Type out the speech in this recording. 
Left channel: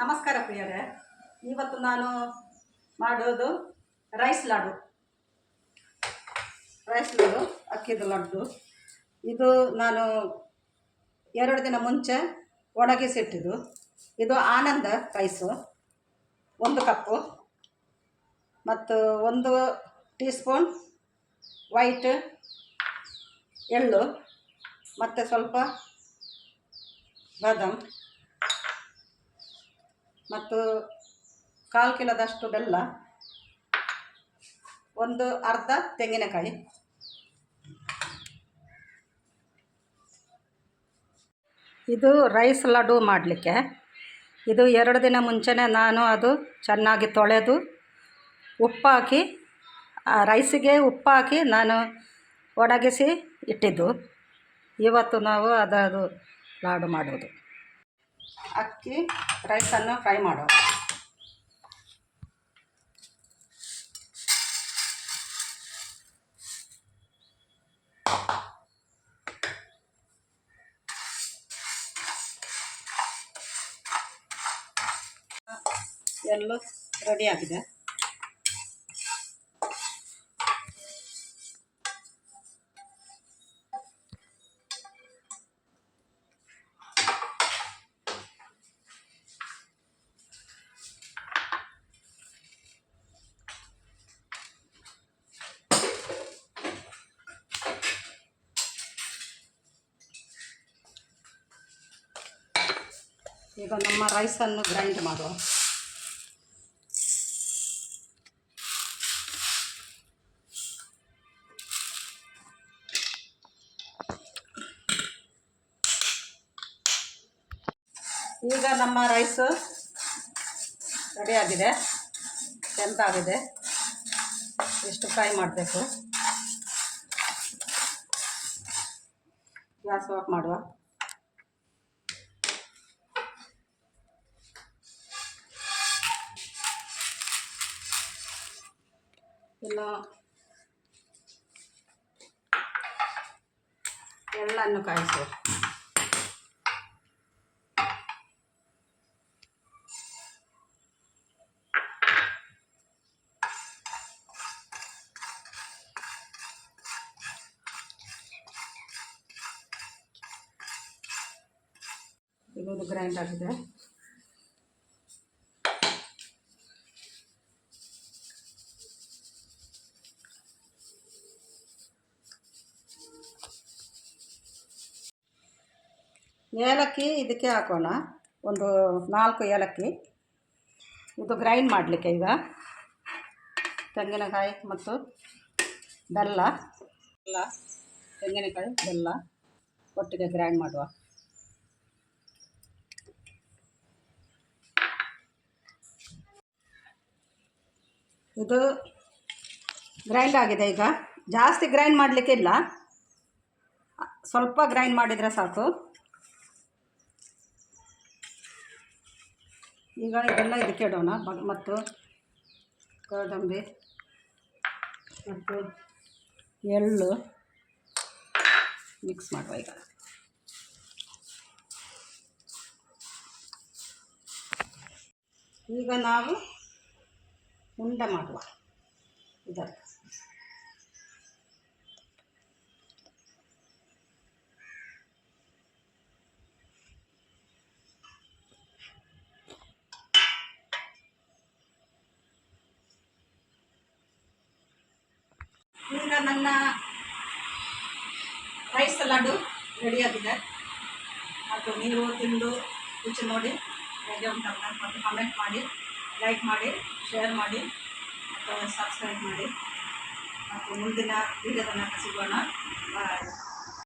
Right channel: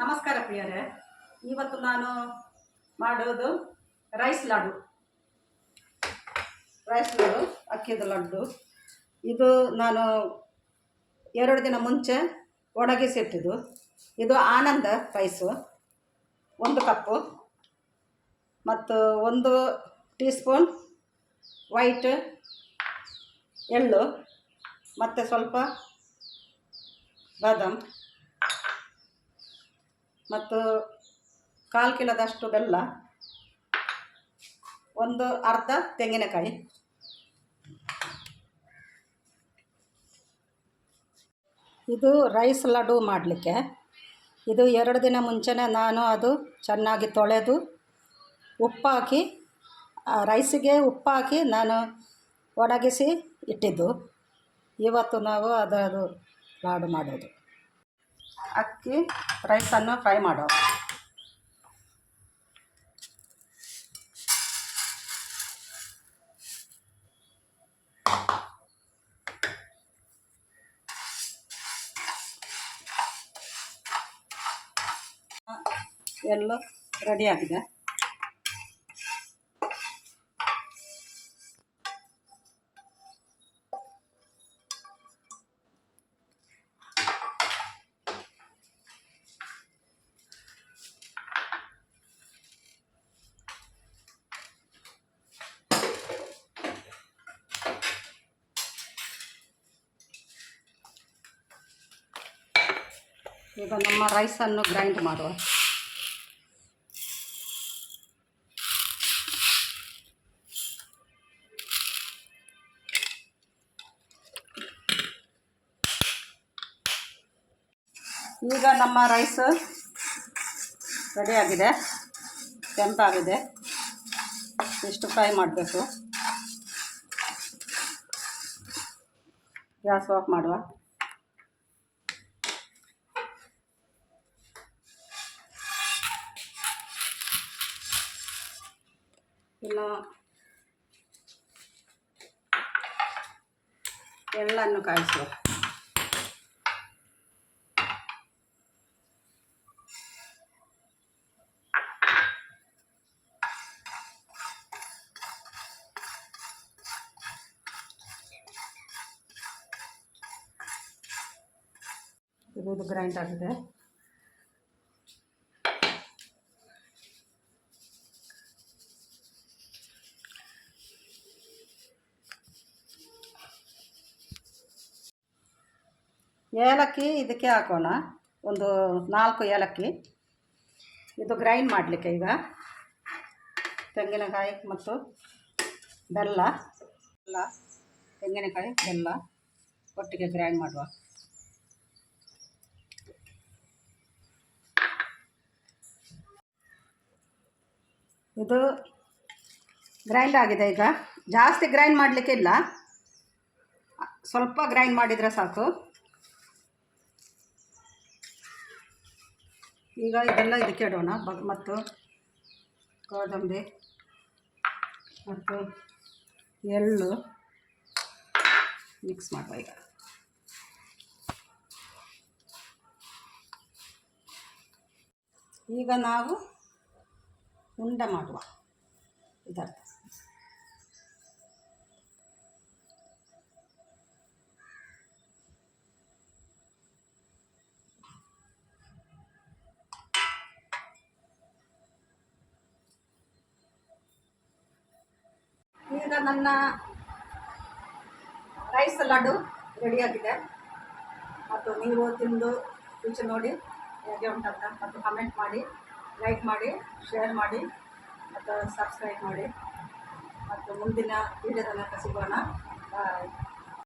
ನಮಸ್ಕಾರ ಪ್ರಿಯರೇ. ಇವತ್ತು ನಾನು ಮಾಡೋದು ರೈಸ್ ಲಾಡು, ಅಕ್ಕಿದು ಲಡ್ಡು. ಇದು ನಾನು 2 ದಿನ ಮುಂಚೆ ಒಣಗಿಸಿಟ್ಟಿದ್ದು. ಇದು ಆನಂದ ರೈಸು 1 ಕಪ್ಪು, ಮತ್ತು 1 ಟೀ ಸ್ಪೂನ್ ವೈಟ್ ಎಳ್ಳು, ಮತ್ತು ಸ್ವಲ್ಪ ಬಾದಾಮ್, ಮತ್ತು 1/4 ಕಿಲೋದಷ್ಟು ಬೆಲ್ಲ, ಅರ್ಧ ತೆಂಗಿನಕಾಯಿ. ಇದು ರೈಸ್ ಲಡ್ಡು ಮಾಡಲಿಕ್ಕೆ ಇದು 2 ದಿನ ಮುಂಚೆನೇ ನಾನು ಅದು ಚೆನ್ನಾಗಿ ತೊಳೆದು ಉಪ್ಪಾಕಿ, ರೈಸಿಗೆ ಉಪ್ಪಾಕಿ ನಾನು ಒಣಗಿಸಿ ಇಟ್ಟಿದ್ದು. ಇವತ್ತು ನಾವು ಅದರದು ಲಾಡು ಮಾಡೋದು. ಅಕ್ಕಿ ರೈಸನ್ನು ಫ್ರೈ ಮಾಡುವ. ಎಳ್ಳು ರೆಡಿಯಾಗಿದೆ. ಈಗ ನಮ್ಮ ರೈಸನ್ನು ಗ್ರೈಂಡ್ ಮಾಡುವ. ಈಗ ನಮ್ಮ ರೈಸು ರೆಡಿಯಾಗಿದೆ, ಕೆಂಪಾಗಿದೆ. ಇಷ್ಟು ಫ್ರೈ ಮಾಡಬೇಕು. ಗ್ಯಾಸ್ ಆಫ್ ಮಾಡುವ. ಇನ್ನು ಎಳ್ಳನ್ನು ಕಾಯಿಸುವ. ಇದು ಗ್ರೈಂಡ್ ಆಗಿದೆ. ಏಲಕ್ಕಿ ಇದಕ್ಕೆ ಹಾಕೋಣ, 4 ಏಲಕ್ಕಿ. ಇದು ಗ್ರೈಂಡ್ ಮಾಡಲಿಕ್ಕೆ ಈಗ ತೆಂಗಿನಕಾಯಿ ಮತ್ತು ಬೆಲ್ಲ, ತೆಂಗಿನಕಾಯಿ ಬೆಲ್ಲ ಒಟ್ಟಿಗೆ ಗ್ರೈಂಡ್ ಮಾಡುವ. ಇದು ಗ್ರೈಂಡ್ ಆಗಿದೆ. ಈಗ ಜಾಸ್ತಿ ಗ್ರೈಂಡ್ ಮಾಡಲಿಕ್ಕೆ ಇಲ್ಲ, ಸ್ವಲ್ಪ ಗ್ರೈಂಡ್ ಮಾಡಿದರೆ ಸಾಕು. ಈಗ ಇದೆಲ್ಲ ಇದಕ್ಕೆ ಇಡೋಣ. ಮತ್ತು ಗೋಡಂಬಿ ಮತ್ತು ಎಳ್ಳು ಮಿಕ್ಸ್ ಮಾಡುವ. ಈಗ ನಾವು ಉಂಡೆ ಮಾಡುವ. ಇದರ ಈಗ ನನ್ನ ರೈಸ್ ಲಡ್ಡು ರೆಡಿಯಾಗಿದೆ. ಮತ್ತು ನೀವು ತಿಂದು ರುಚಿ ನೋಡಿ ಹೇಗೆ ಉಂಟಂತ ಮತ್ತು ಕಮೆಂಟ್ ಮಾಡಿ, ಲೈಕ್ ಮಾಡಿ, ಶೇರ್ ಮಾಡಿ ಮತ್ತು ಸಬ್ಸ್ಕ್ರೈಬ್ ಮಾಡಿ. ಮತ್ತು ಮುಂದಿನ ವೀಡಿಯೋದ ಸಿಗೋಣ. ಬಾಯ್.